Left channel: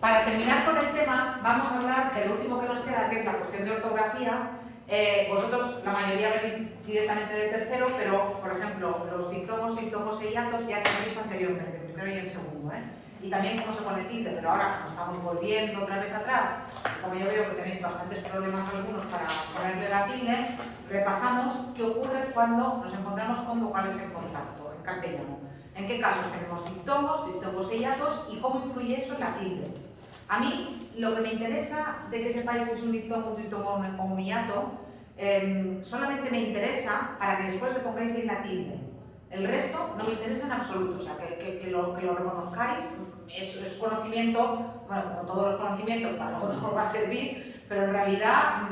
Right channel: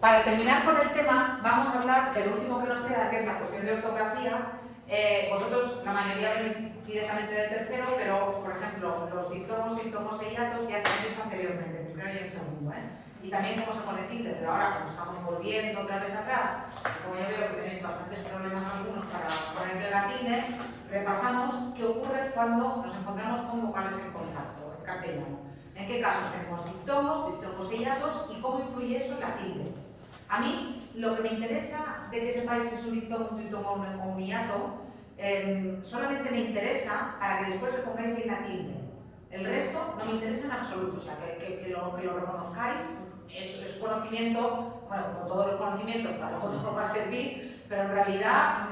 Para terminar con el tema, vamos a hablar del último que nos queda, que es la cuestión de ortografía. Vosotros, la mayoría venís directamente de tercero, pero, por ejemplo, los diptongos, sintongos e hiatos ya se han visto anteriormente, en primero y en segundo, y también cómo se pone tilde, pero ahora, como estamos volviendo otra vez atrás, como yo veo que tenéis bastantes problemas algunos para ponerle la tilde, repasamos qué ocurre cuando nos encontramos con vocales en contacto, en castellano. En qué casos tenemos diptongos e hiatos y cómo influye eso en la tilde. A mí, lo que me interesa de que sepáis si es un diptongo o un hiato, solamente me interesa para que después le pongáis bien la tilde. El resto no me interesa en absoluto, o sea, que lo reconozcáis, es conocimiento, bueno, como todos los conocimientos, para luego os va a servir, pero en realidad,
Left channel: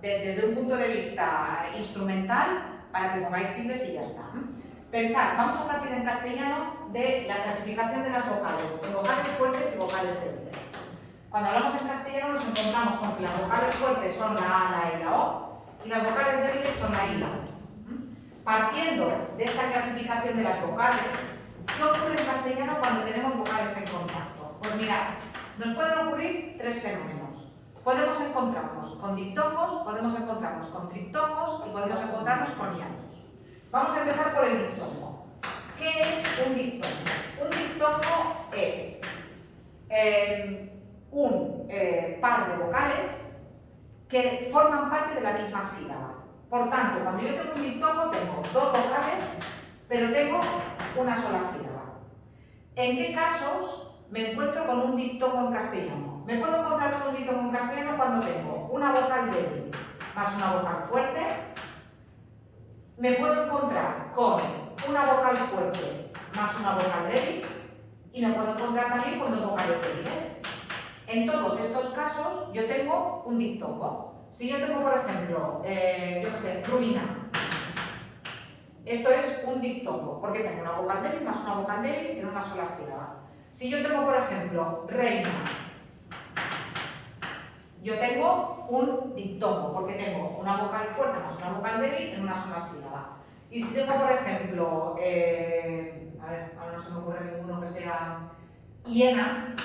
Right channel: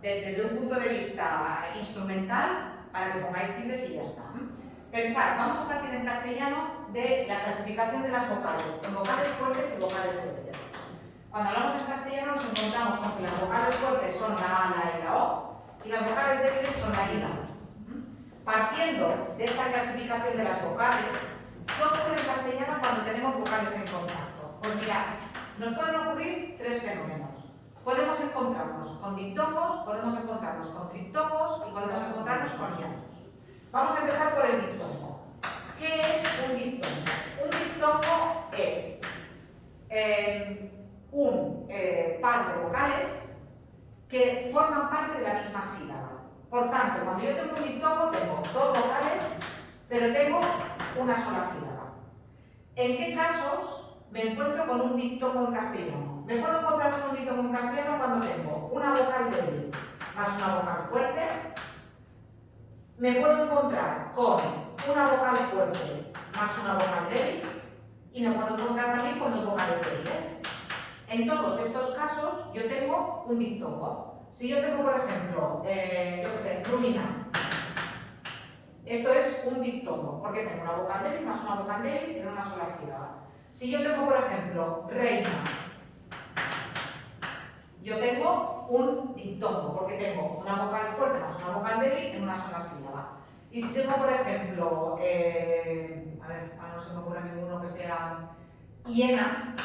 desde un punto de vista instrumental, para que pongáis tildes y ya está. Pensad, vamos a partir en castellano de la clasificación de las vocales, en vocales fuertes y vocales débiles. Cuando hablamos en castellano nos encontramos con que las vocales fuertes son la A, la E y la O, y las vocales débiles son la I y la U. Partiendo de esta clasificación de las vocales, ¿qué ocurre en castellano cuando tenemos vocales en contacto? Pues mirad, nos pueden ocurrir tres fenómenos. Podemos encontrarnos con diptongos, podemos encontrarnos con triptongos y podemos encontrarnos con hiatos. Vamos a empezar por el diptongo. ¿Qué es un diptongo? Un diptongo es un par de vocales que forman parte de la misma sílaba. Por tanto, cuando yo tengo un diptongo, tengo dos vocales, pero tengo una sola sílaba. ¿En qué casos me encuentro con un diptongo en castellano? Me puedo encontrar con un diptongo en castellano cuando tengo una vocal débil más una vocal fuerte. Me puedo encontrar con una vocal fuerte más una vocal débil y me puedo encontrar también con dos vocales débiles. En todos estos casos yo tengo un diptongo. Si yo tengo, por ejemplo, yo qué sé, ruina, esto es un diptongo, porque tengo una vocal débil más una vocal débil en una sola sílaba. Si yo tengo, por ejemplo, reina, yo tengo un diptongo, porque tengo una vocal fuerte más una vocal débil en una sola sílaba. Y si tengo, por ejemplo, a ver, ahora no se me ocurre ninguno que sea hiena,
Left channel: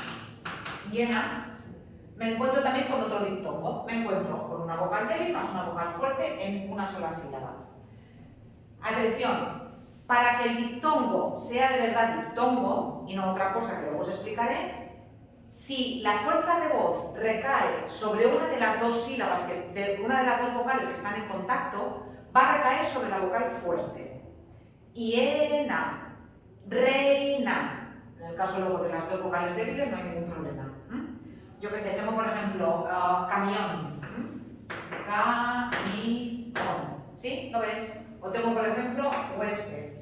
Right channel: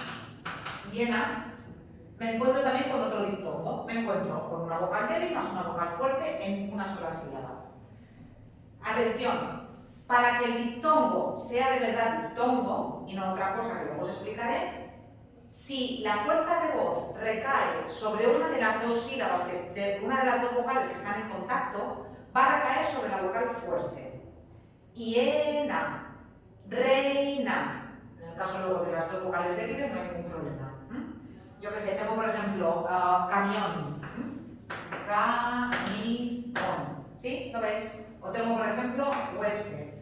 me encuentro también con otro diptongo. Me encuentro con una vocal débil más una vocal fuerte en una sola sílaba. Atención, para que el diptongo sea de verdad diptongo, y no otra cosa que luego os explicaré, si la fuerza de voz recae sobre una de las dos sílabas, una de las dos vocales que están en contacto, va a recaer sobre la vocal fuerte. Hiena, reina. En el caso luego de las dos vocales débiles no hay ningún problema. Yo que sé, tengo por ejemplo camión. Camión. ¿Sí? ¿Lo veis? O tengo por ejemplo huésped.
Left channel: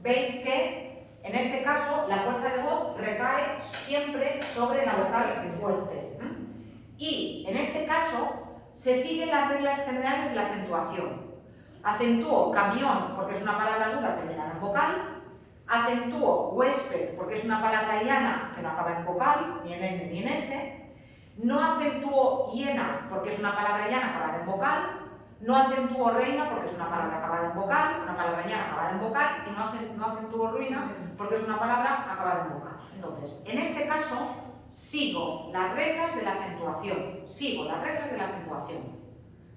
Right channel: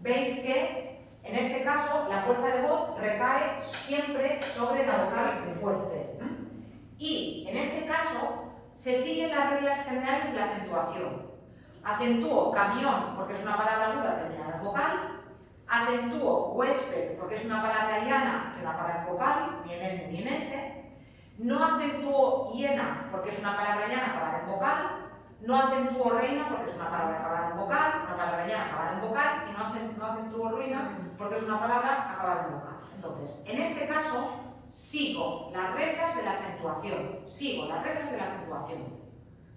¿Veis que en este caso la fuerza de voz recae siempre sobre la vocal fuerte? Y en este caso se siguen las reglas generales de la acentuación. Acentúo camión porque es una palabra aguda terminada en vocal. Acentúo huésped porque es una palabra llana que no acaba en vocal, ni en N ni en S. No acentúo hiena porque es una palabra llana acabada en vocal. No acentúo reina porque es una palabra acabada en vocal, una palabra llana acabada en vocal. Y no acentúo ruina porque es una palabra acabada en vocal. Entonces, en este caso, sigo las reglas de la acentuación.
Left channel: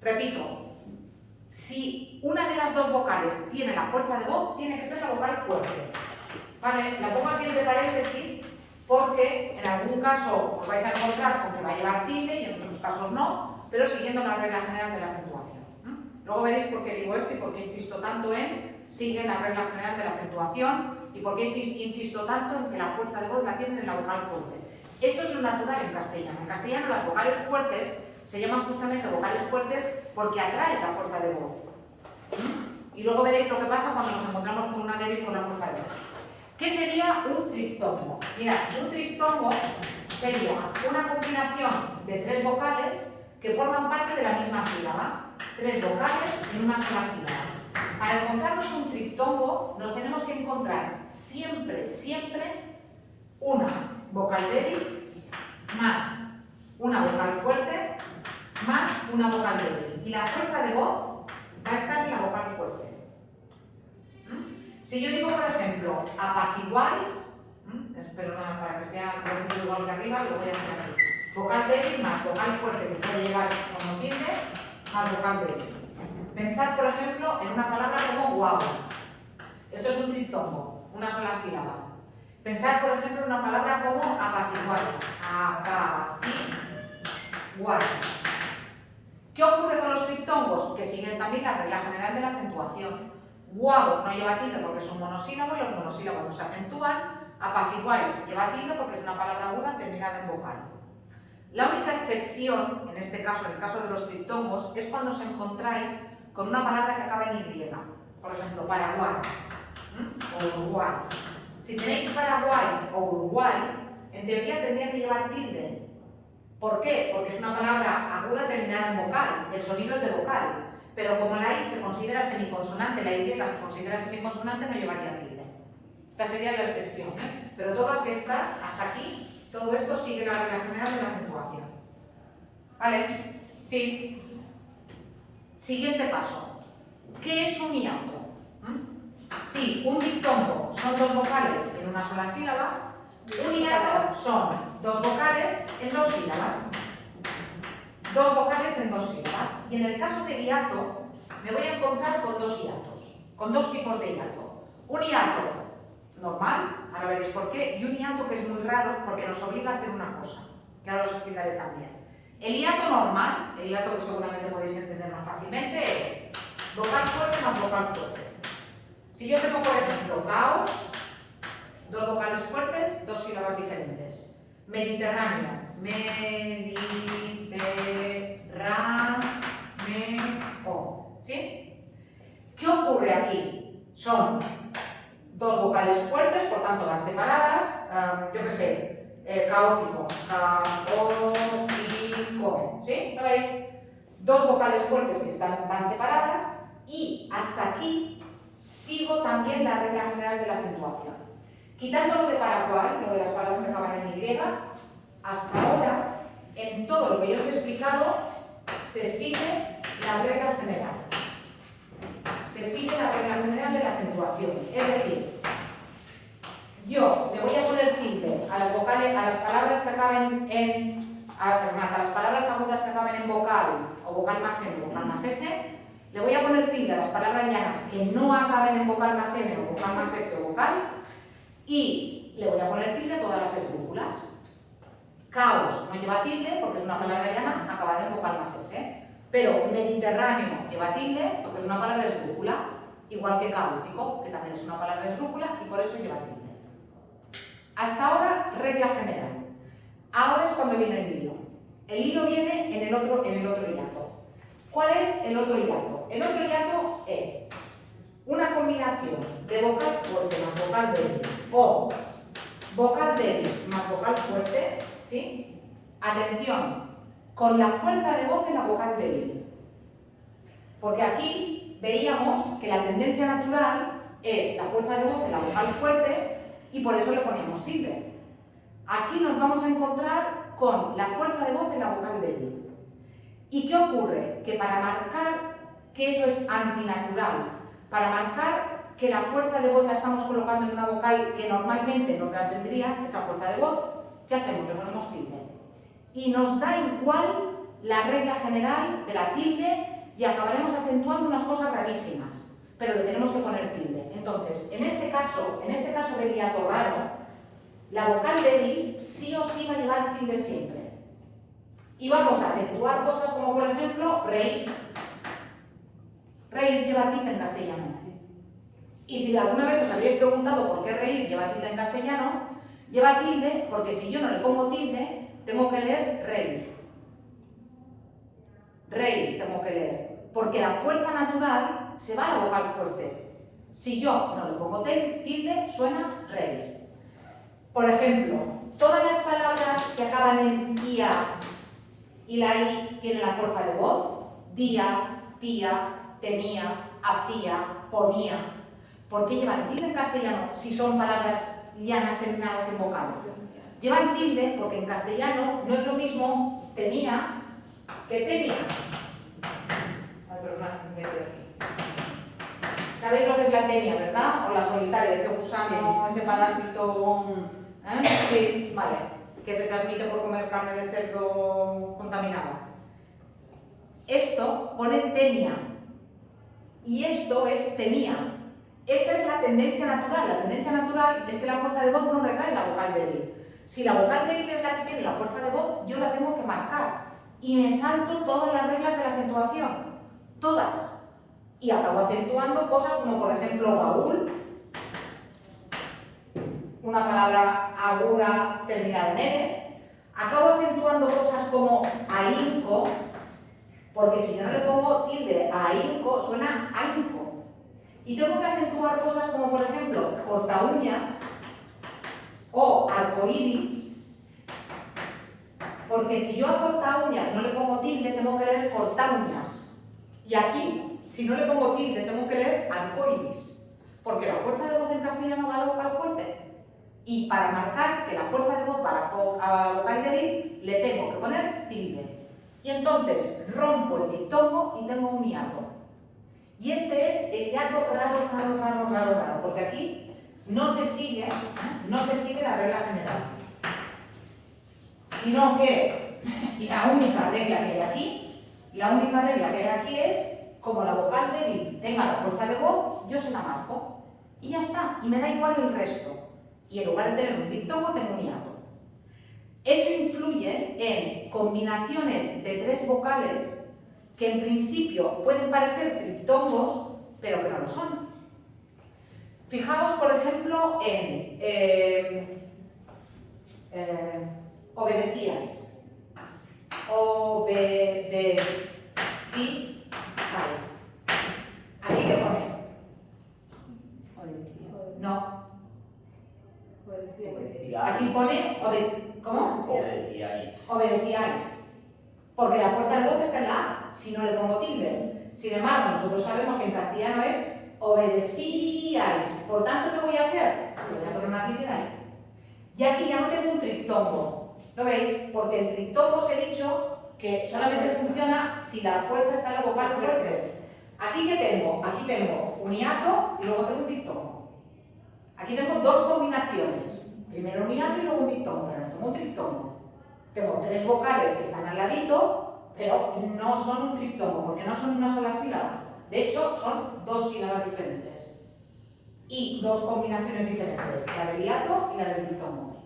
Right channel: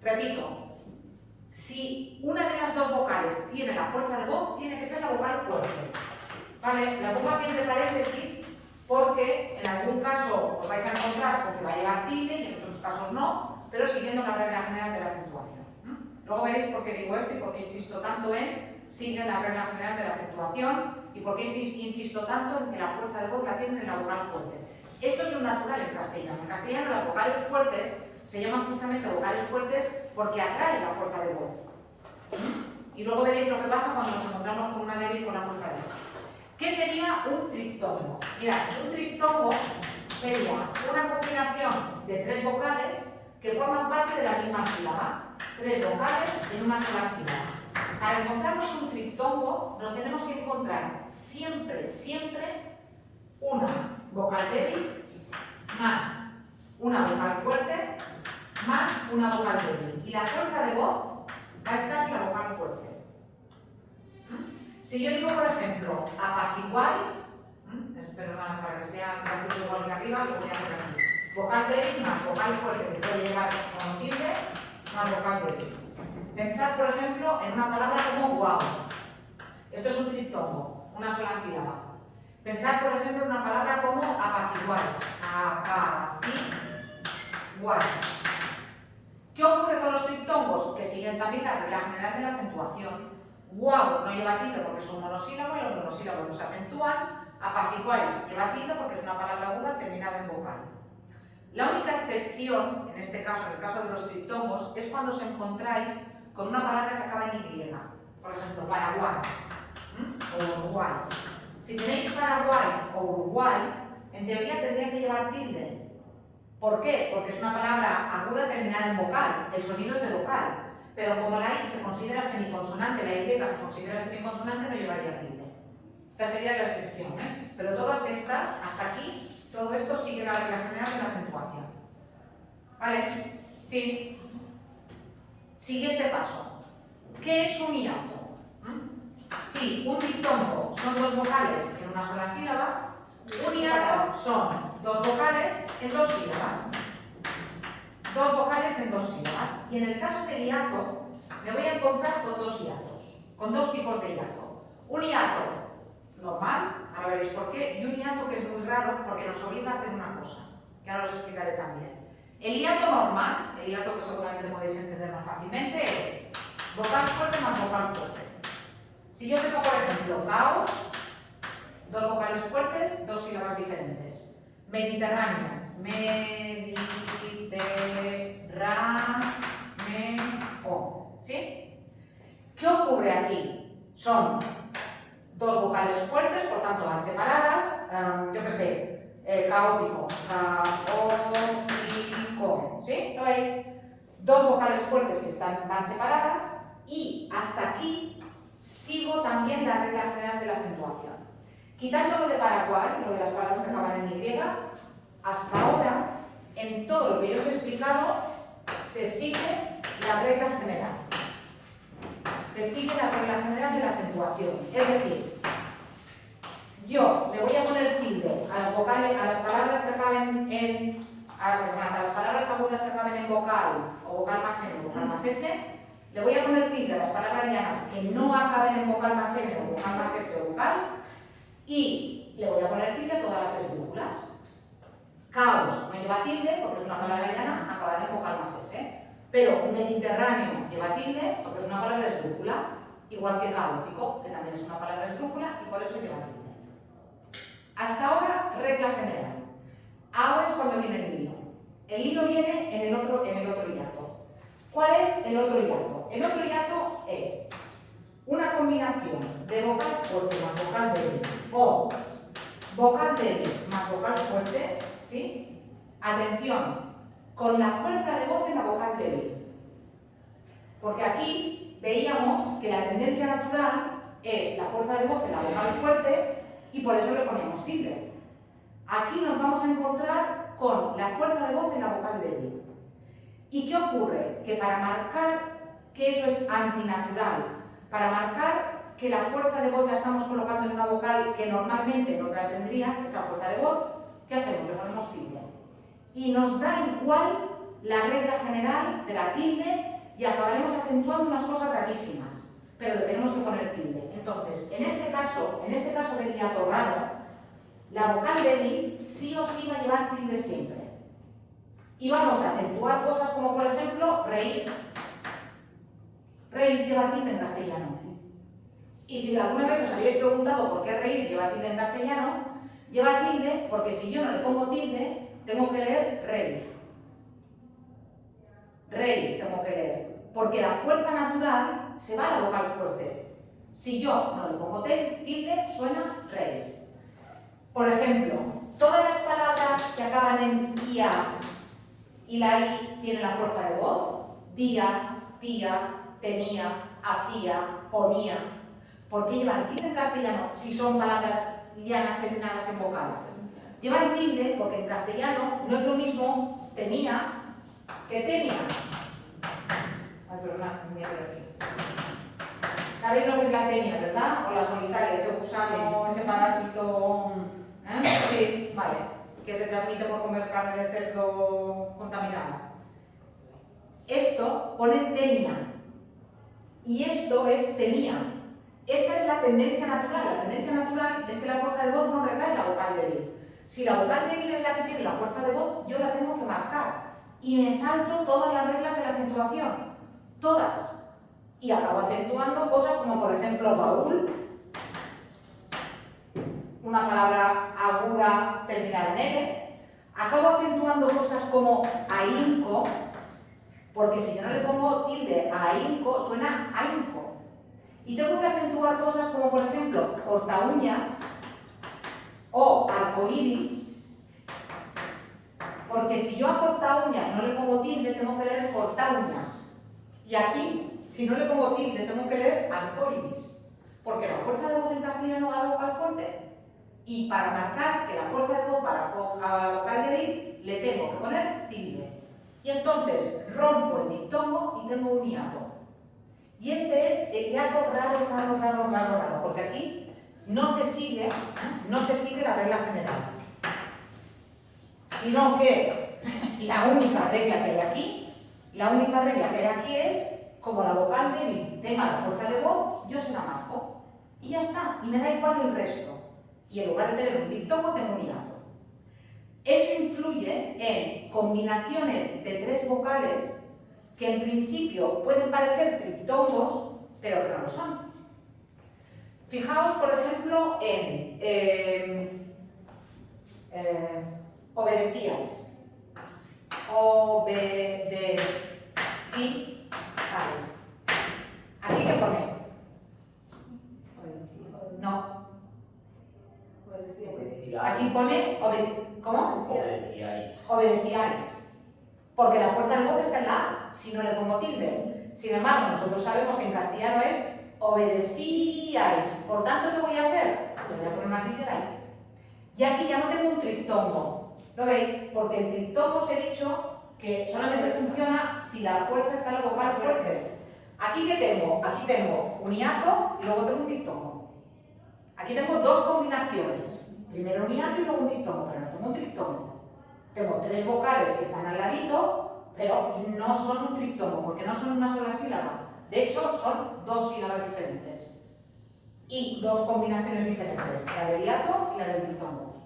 Repito. Si una de las dos vocales tiene la fuerza de voz, tiene que ser la vocal fuerte. ¿Vale? La pongo así entre paréntesis porque en algún caso os vais a encontrar con que va a llevar tilde y en otros casos no, pero siguiendo la regla general de la acentuación. Luego veréis por qué digo esto y por qué insisto tanto en sigue la regla general de la acentuación y por qué insisto tanto en que la fuerza de voz la tienen en la vocal fuerte. Esto es lo natural en castellano. En castellano las vocales fuertes se llaman justamente vocales fuertes porque atraen la fuerza de voz. Y luego veréis lo que pasa cuando nos encontramos con una débil con la fuerza de voz. ¿Qué sería un triptongo? Mirad, un triptongo sería una combinación de tres vocales que forman parte de la misma sílaba. Tres vocales en una sola sílaba. Para encontrarnos un triptongo nos tenemos que encontrar siempre una vocal débil más una vocal fuerte más una vocal débil. Y la fuerza de voz va a estar en la vocal fuerte. Si yo digo, por ejemplo, apaciguáis, perdona, para que sea un poquito igual que arriba, lo voy a hacer aquí. Vocal débil más vocal fuerte que puede llevar con tilde más vocal débil. Pensad, por ejemplo, en una palabra como guau. Esto es un triptongo, una sola sílaba. Pensad, por ejemplo, en una palabra como apaciguáis. Apaciguáis. ¿Qué ocurre con los triptongos? Que siguen también la regla general de la acentuación. Guau no lleva tilde porque es un monosílabo y los monosílabos no se acentúan. Apaciguáis lleva tilde porque es una palabra aguda terminada en vocal. La única excepción, en este caso, en el caso de los triptongos, es cuando os encontráis con una palabra que acaba en Y. Por ejemplo, Paraguay o Uruguay. Si tenéis Paraguay o Uruguay, en teoría tendría que llevar tilde. ¿Por qué? Porque es una palabra aguda terminada en vocal. El sonido es de vocal. Pero como la I se considera semiconsonante, la Y se considera semiconsonante, no llevaría tilde. Esta sería la excepción, ¿eh? Pero todas estas, hasta aquí, todo esto sigue la regla general de la acentuación. ¿Vale? Sí. Siguiente paso. ¿Qué es un hiato? Si un diptongo son dos vocales en una sola sílaba, un hiato son dos vocales en dos sílabas. Dos vocales en dos sílabas. Y en el caso del hiato, me voy a encontrar con dos hiatos, con dos tipos de hiato. Un hiato normal, ahora veréis por qué, y un hiato que es muy raro porque nos obliga a hacer una cosa, que ahora os explicaré también. El hiato normal, el hiato que seguramente podéis entender más fácilmente, es vocal fuerte más vocal fuerte. Si yo tengo, por ejemplo, caos, dos vocales fuertes, dos sílabas diferentes. Mediterráneo, mediterráneo, ¿sí? ¿Qué ocurre aquí? Son dos vocales fuertes, por tanto van separadas, yo qué sé, caótico, caótico, ¿sí? ¿Lo veis? Dos vocales fuertes que van separadas y hasta aquí sigo también la regla general de la acentuación. Quitando lo de Paraguay, lo de las palabras que acaban en Y, hasta ahora, en todo lo que yo os he explicado, se sigue la regla general. Se sigue la regla general de la acentuación. Es decir, yo le voy a poner tilde a las vocales, a las palabras que acaben en, a las palabras agudas que acaben en vocal o vocal más N o vocal más S, le voy a poner tilde a las palabras llanas que no acaben en vocal más N o vocal más S o vocal y le voy a poner tilde a todas las esdrújulas. Caos no lleva tilde porque es una palabra llana acabada en vocal más S, pero Mediterráneo lleva tilde porque es una palabra esdrújula, igual que caótico, que también es una palabra esdrújula y por eso lleva tilde. Hasta ahora, regla general. Ahora es cuando viene el lío. El lío viene en el otro hiato. ¿Cuál es el otro hiato? El otro hiato es una combinación de vocal fuerte más vocal débil o vocal débil más vocal fuerte, ¿sí? Atención, con la fuerza de voz en la vocal débil. Porque aquí veíamos que la tendencia natural es la fuerza de voz en la vocal fuerte y por eso le poníamos tilde. Aquí nos vamos a encontrar con la fuerza de voz en la vocal débil. ¿Y qué ocurre? Que para marcar que eso es antinatural, para marcar que la fuerza de voz la estamos colocando en una vocal que normalmente no la tendría, esa fuerza de voz, ¿qué hacemos? Le ponemos tilde. Y nos da igual la regla general de la tilde y acabaremos acentuando unas cosas rarísimas, pero le tenemos que poner tilde. Entonces, en este caso de hiato raro, la vocal débil sí o sí va a llevar tilde siempre. Y vamos a acentuar cosas como, por ejemplo, reír. Reír lleva tilde en castellano. Y si alguna vez os habéis preguntado por qué reír lleva tilde en castellano, lleva tilde porque si yo no le pongo tilde, tengo que leer reír. Reír tengo que leer. Porque la fuerza natural se va a la vocal fuerte. Si yo no le pongo tilde, suena reír. Por ejemplo, todas las palabras que acaban en ia y la I tiene la fuerza de voz, día, tía, tenía, hacía, ponía. ¿Por qué llevan tilde en castellano si son palabras llanas terminadas en vocal? Llevan tilde porque en castellano no es lo mismo tenía que tenía. Ay, perdona, me quedo aquí. ¿Sabéis lo que es la tenia, verdad? O la solitaria, ese gusano, ese parásito Sí, vale. Que se transmite por comer carne de cerdo contaminada. Esto pone tenia. Y esto es tenía. Esta es la tendencia natural. La tendencia natural es que la fuerza de voz no recae en la vocal débil. Si la vocal débil es la que tiene la fuerza de voz, yo la tengo que marcar. Y me salto todas las reglas de la acentuación. Todas. Y acabo acentuando cosas como, por ejemplo, baúl. Una palabra aguda terminada en N. Acabo acentuando cosas como ahínco, porque si yo no le pongo tilde a ahínco, suena ahínco. Y tengo que acentuar cosas como, por ejemplo, corta uñas o arcoíris, porque si yo a corta uñas no le pongo tilde, tengo que leer cortar uñas. Y aquí, si no le pongo tilde, tengo que leer arcoíris, porque la fuerza de voz en castellano va a la vocal fuerte. Y para marcar que la fuerza de voz va a la vocal débil, le tengo que poner tilde. Y entonces rompo el diptongo y tengo un hiato. Y este es el hiato raro, porque aquí no se sigue la regla general. Sino que la única regla que hay aquí es, como la vocal débil tenga la fuerza de voz, yo se la marco. Y ya está, y me da igual el resto. Y en lugar de tener un diptongo, tengo un hiato. Eso influye en combinaciones de tres vocales que en principio pueden parecer triptongos, pero que no lo son. Fijaos, por ejemplo, en obedecíais. Obedecíais. ¿Aquí qué pone? No. Aquí pone ¿cómo? Obedecíais. Porque la fuerza de voz está en la A, si no le pongo tilde. Sin embargo, nosotros sabemos que en castellano es obedecíais. Por tanto, ¿qué voy a hacer? Le voy a poner una tilde ahí. Y aquí ya no tengo un triptongo. ¿Lo veis? Porque en triptongos he dicho que solamente funciona si la fuerza está en la vocal fuerte. ¿Aquí qué tengo? Aquí tengo un hiato y luego tengo un diptongo. Aquí tengo dos combinaciones. Primero un hiato y luego un diptongo, pero no tengo un triptongo. Tengo tres vocales que están al ladito, pero no son un triptongo, porque no son una sola sílaba. De hecho, son dos sílabas diferentes. Y dos combinaciones diferentes, la del hiato y la del diptongo.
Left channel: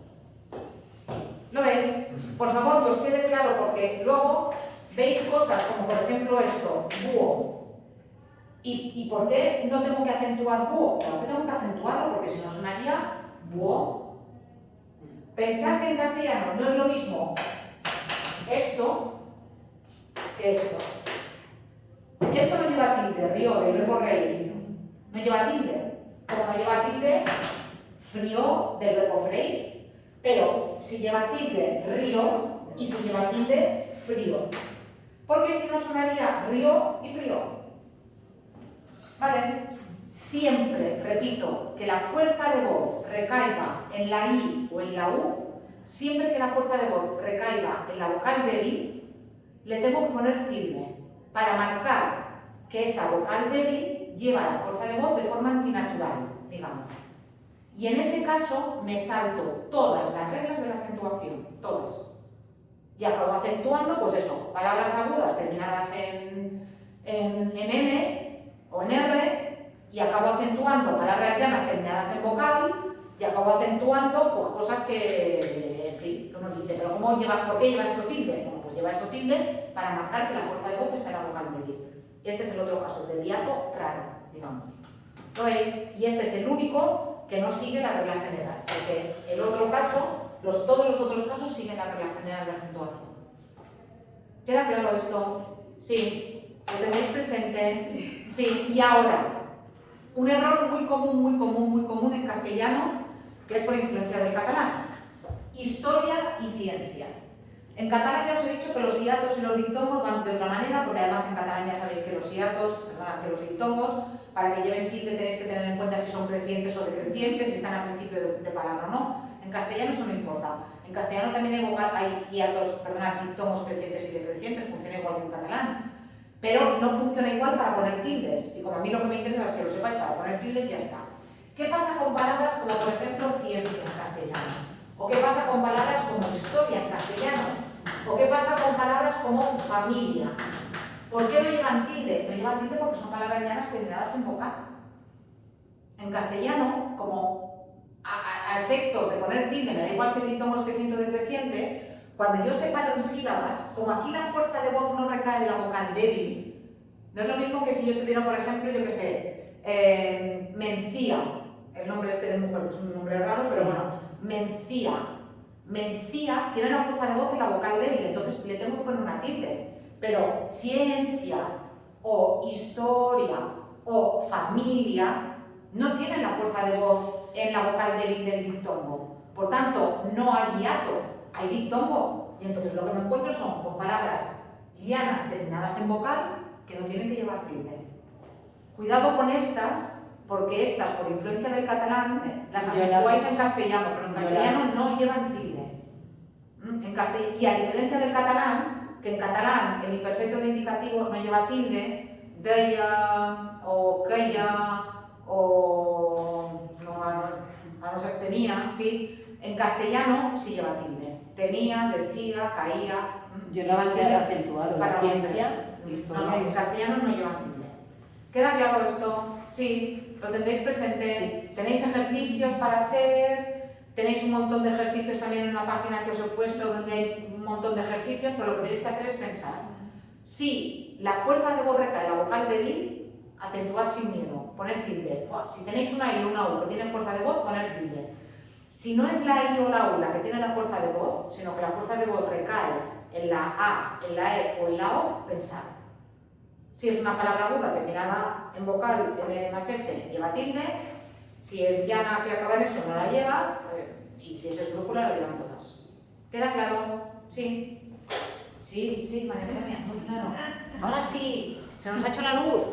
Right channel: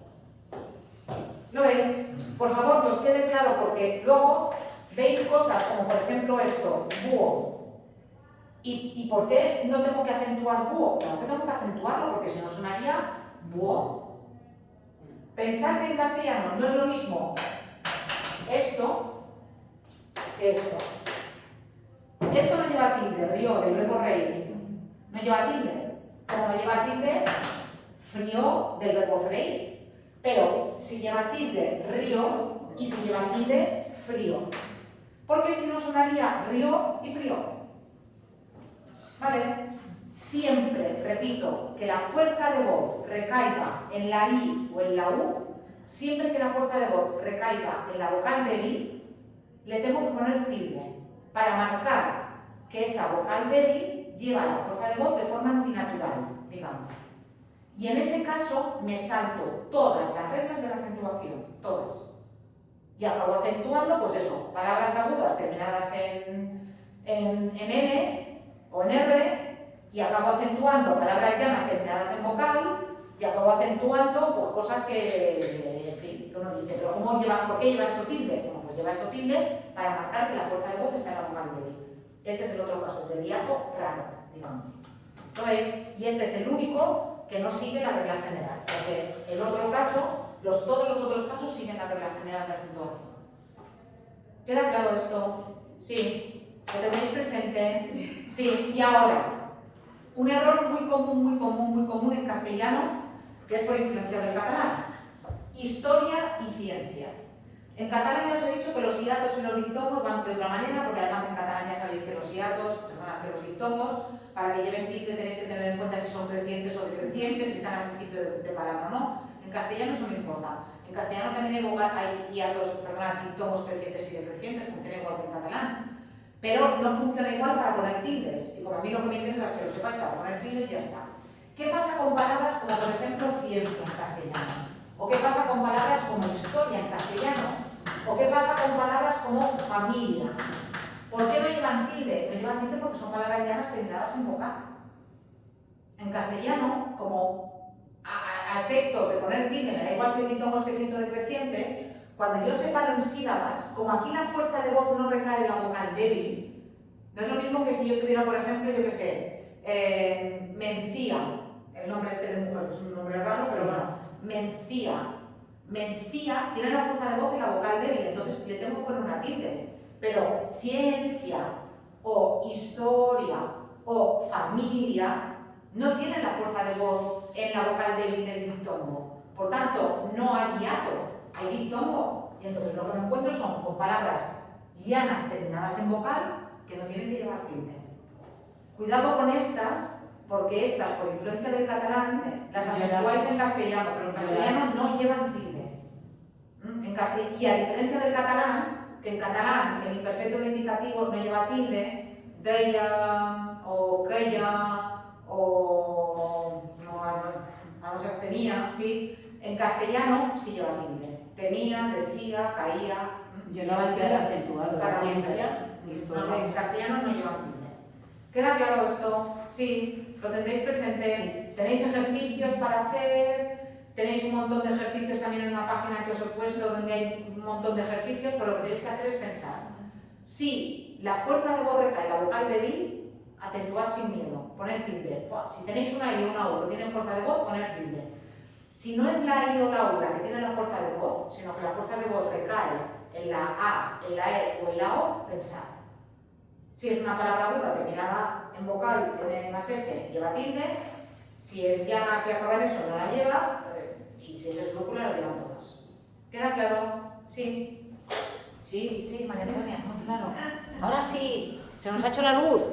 ¿Lo veis? Por favor, que os quede claro, porque luego veis cosas como, por ejemplo, esto, búho. ¿Y por qué no tengo que acentuar búho? Claro que tengo que acentuarlo, porque si no sonaría búho. Pensad que en castellano no es lo mismo esto que esto. Esto no lleva tilde, río, del verbo reír. No lleva tilde. Como no lleva tilde, frío, del verbo freír. Pero si lleva tilde, río, y si lleva tilde, frío. Porque si no sonaría río y frío. ¿Vale? Siempre, repito, que la fuerza de voz recaiga en la I o en la U, siempre que la fuerza de voz recaiga en la vocal débil, le tengo que poner tilde para marcar que esa vocal débil lleva la fuerza de voz de forma antinatural, digamos. Y en ese caso me salto todas las reglas de la acentuación, todas. Y acabo acentuando, pues eso, palabras agudas terminadas en N o en R, y acabo acentuando palabras llanas terminadas en vocal, y acabo acentuando pues, cosas que, en fin, uno dice, pero ¿por qué lleva esto tilde? Bueno, pues lleva esto tilde para marcar que la fuerza de voz está en la vocal débil. Este es el otro caso, del hiato raro, digamos. ¿Lo veis? Y este es el único que no sigue la regla general, porque el otro caso, todos los otros casos siguen la regla general de acentuación. ¿Queda claro esto? Sí. ¿Lo tenéis presente? Sí. Y ahora, un error muy común en castellano, que es por influencia del catalán. Historia y ciencia. En catalán ya os he dicho que los hiatos y los diptongos van de otra manera, porque además en catalán ya sabéis que los diptongos, para que lleven tilde tenéis que tener en cuenta si son crecientes o decrecientes, si están al principio de palabra o no. En castellano eso no importa. En castellano también hay diptongos crecientes y decrecientes, funciona igual que en catalán. Pero no funciona igual para poner tildes. Y como a mí lo que me interesa es que lo sepáis, para poner tildes ya está. ¿Qué pasa con palabras como, por ejemplo, ciencia en castellano? ¿O qué pasa con palabras como historia en castellano? ¿O qué pasa con palabras como familia? ¿Por qué no llevan tilde? No llevan tilde porque son palabras llanas terminadas en vocal. En castellano, como a efectos de poner tilde, me da igual si el diptongo es creciente o decreciente, cuando yo separo en sílabas, como aquí la fuerza de voz no recae en la vocal débil, no es lo mismo que si yo tuviera, por ejemplo, yo qué sé, Mencía, el nombre este de mujer, que es un nombre raro, pero bueno, Mencía. Mencía tiene la fuerza de voz en la vocal débil, entonces le tengo que poner una tilde. Pero ciencia o historia o familia no tienen la fuerza de voz en la vocal débil del diptongo. Por tanto, no hay hiato, hay diptongo. Y entonces lo que me encuentro son con palabras llanas terminadas en vocal que no tienen que llevar tilde. Cuidado con estas, porque estas, por influencia del catalán, las acentuáis en castellano, pero en castellano no llevan tilde. Y a diferencia del catalán, que en catalán el imperfecto de indicativo no lleva tilde, deia o queia o a no ser tenía, ¿sí? En castellano sí lleva tilde. Tenía, decía, caía. Llegaba a ser acentuado para ciencia, historia. No, en castellano no lleva tilde. ¿Queda claro esto? Sí, lo tendréis presente. Sí. Tenéis ejercicios para hacer. Tenéis un montón de ejercicios también en una página que os he puesto donde hay un montón de ejercicios, pero lo que tenéis que hacer es pensar. Si la fuerza de voz recae en la vocal débil, acentuad sin miedo, poner tilde. Si tenéis una I o una U que tiene fuerza de voz, poner tilde. Si no es la I o la U la que tiene la fuerza de voz, sino que la fuerza de voz recae en la A, en la E o en la O, pensad. Si es una palabra aguda terminada en vocal, pone más S, lleva tilde. Si es llana que acaba en eso, no la lleva. Y si es esdrújula, la llevan todas. ¿Queda claro? Sí. Sí, María Antonia, muy claro. Ahora sí, se nos ha hecho la luz.